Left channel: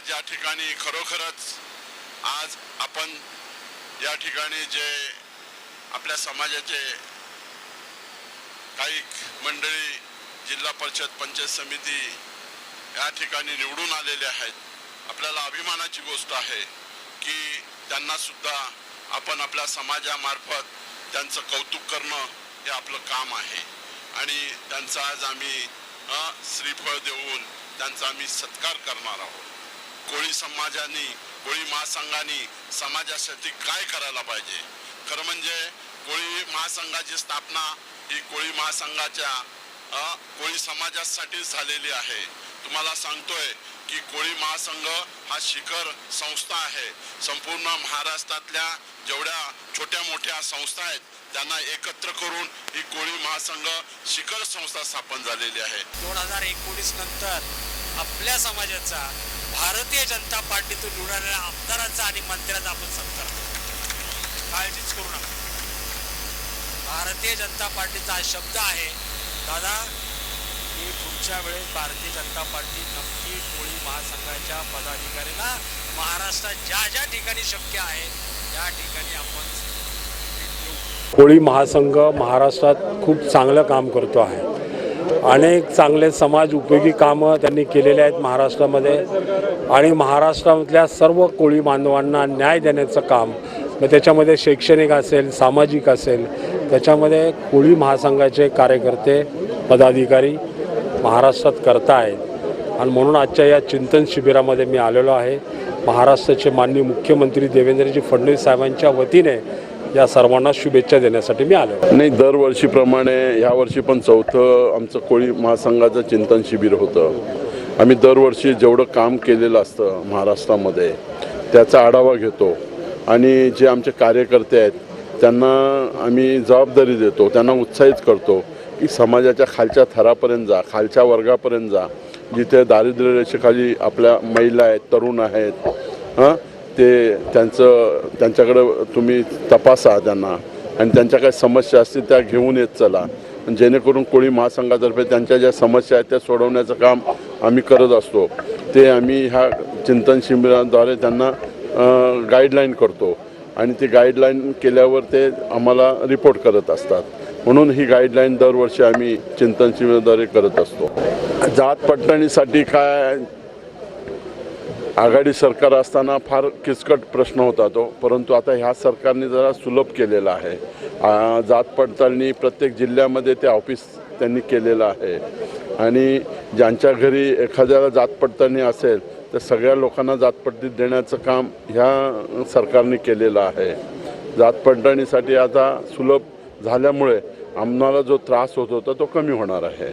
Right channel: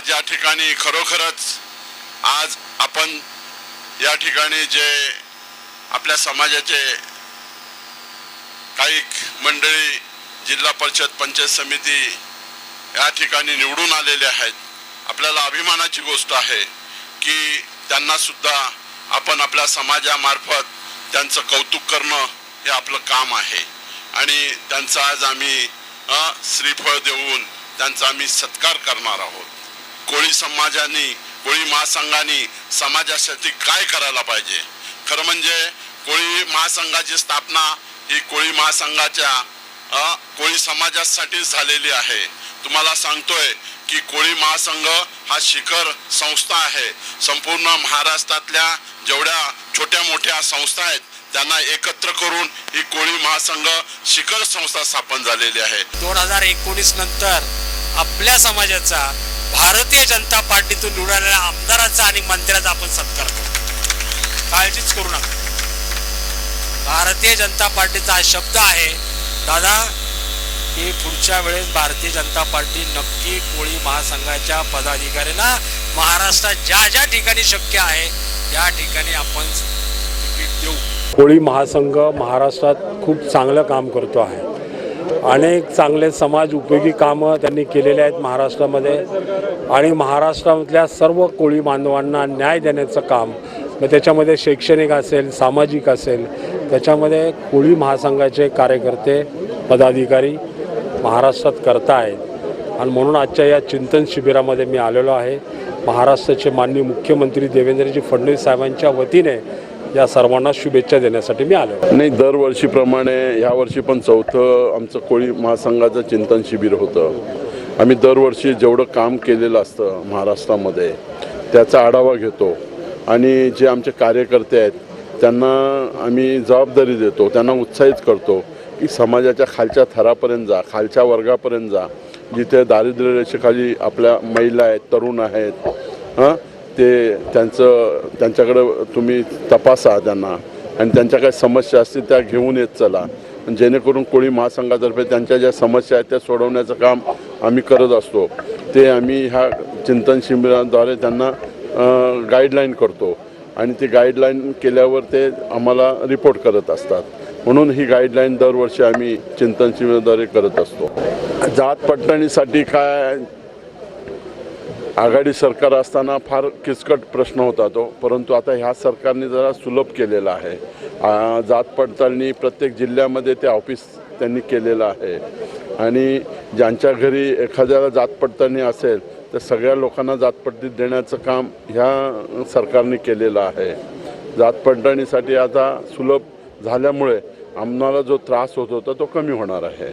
आज या ठिकाणी खरोखरच आज आपण या ठिकाणी जे आपल्या समाजाचे काही मंडळी जिल्हा परिषद पंचायत समिती या ठिकाणी निवडून आलेले आहेत। आपल्याला अभिमानाची गोष्ट आहे की त्यांना सुद्धा आपण आपल्या समाजामार्फत त्यांचं कौतुक करणं हे आपलं काम आहे आणि त्यांचा आज आम्ही श्रीफळ देऊन त्यांचा आम्ही सत्कार करणार आहोत। कोळी समाजाने कोळी महासंघाने समाजासाठी काय करायला पाहिजे, खरं म्हणजे कोळी महासंघाची स्थापना ही कोळी महासंघाच्या कोळी समाजासाठी झालेली आहे। तुम्हाला सांगतोय की कोळी महासंघ हा शिखर संस्था आहे। संपूर्ण महाराष्ट्रातल्या जेवढ्या छोट्या मोठ्या संस्था आहेत त्यांना एकत्र करून ही कोळी महासंघ शिखर संस्था स्थापन झालेली आहे। 2019 नंतर आपल्या समाजाचा भारतीय जनता पार्टीतून निवडून आलेल्या आमदाराचा आणि मंत्र्याचा आपण सत्कार करतो। काळजीच करू नका, भारतीय जनता पार्टीचा हा शब्द आहे दादा की पुढच्या वेळेस भारतीय जनता पार्टी नक्की कोळी महासंघाच्या पदाधिकाऱ्यांना महाराष्ट्रात ज्या ज्या ठिकाणी शक्य आहे त्या ठिकाणी आपण तिकीट देऊ। कोळी महासंघ महाराष्ट्रात खूप चांगलं काम करतो आहे। अनेक चांगले समाज उपयोगी कामं त्यांनी केलेले आहेत महाराष्ट्रामध्ये आणि महाराष्ट्रामधल्या सर्व कोळी बांधवांना न्याय देण्याचं काम, मग त्याच्यामध्ये शैक्षणिक असेल सामाजिक असेल, त्याच्यामध्ये कोळी महासंघाचे कार्यकर्ते पदाधिकारी महाराष्ट्रात करत आहेत आणि म्हणून आजच्या या चिंतन शिबिरामध्ये मी आलेलो आहे। महाराष्ट्राचे माननीय मुख्यमंत्री देवेंद्रजी फडणवीस साहेबांच्या वतीने या सर्वांना शुभेच्छा देण्यासाठी मी आलो। नाही, दरवर्षीप्रमाणे यावर्षी पण चौथं आमचं कोळी महासंघाचं चिंतन शिबिर होतं। आम्ही दरवर्षी जेवढं काम केलेलं असतं महाराष्ट्रामध्ये त्याचा आढावा घेतो आणि जे आमचे कार्यकर्ते आहेत त्यांना आम्ही जबाबदारी देतो, त्यांना उत्साहित करतो की समाजाच्या खालच्या थरापर्यंत जा, खालच्या वर्गापर्यंत जा, जिथे दारिद्र्य रेषेखाली आपल्या महिला आहेत, तरुण आहेत, ते त्यांच्याकडं तुम्ही तपासा त्यांना आणि त्यांच्या काही समस्या असतील त्या घेऊन येत चला, जेणेकरून कोळी महासंघातर्फे त्यांच्या ज्या समस्या आहेत त्या सोडवण्याचं काम आम्ही करत असतो। ते आम्ही ह्या चिंतन शिबिराद्वारे त्यांना गाईडलाईन करतो आणि ती गाईडलाईन केल्यावर ते आम्हाला रिपोर्ट करत असतात। म्हणून ही गाईडलाईन दरवर्षी आम्ही चिंतन शिबिराद्वारे करत असतो। जात पडताळणीसाठी काय आघाडी सरकार असताना फार किचकट प्रश्न होता तो, परंतु आता ह्या सरकारने जरा सुलभ केलेला आहे। जात पडताळणी प्रत्येक जिल्ह्यामध्ये ते ऑफिस त्यांनी केलेलं आहे आणि ज्यांच्या घरी एखाद्याला जात पडताळणी असेल तर सगळ्या लोकांना जात पडताळणी देण्याचं काम ह्या सरकारने केलेलं आहे। जात पडताळणीसाठी आता सुलभ झाल्यामुळे आम्हाला जो त्रास होत होता तो कमी होणार आहे।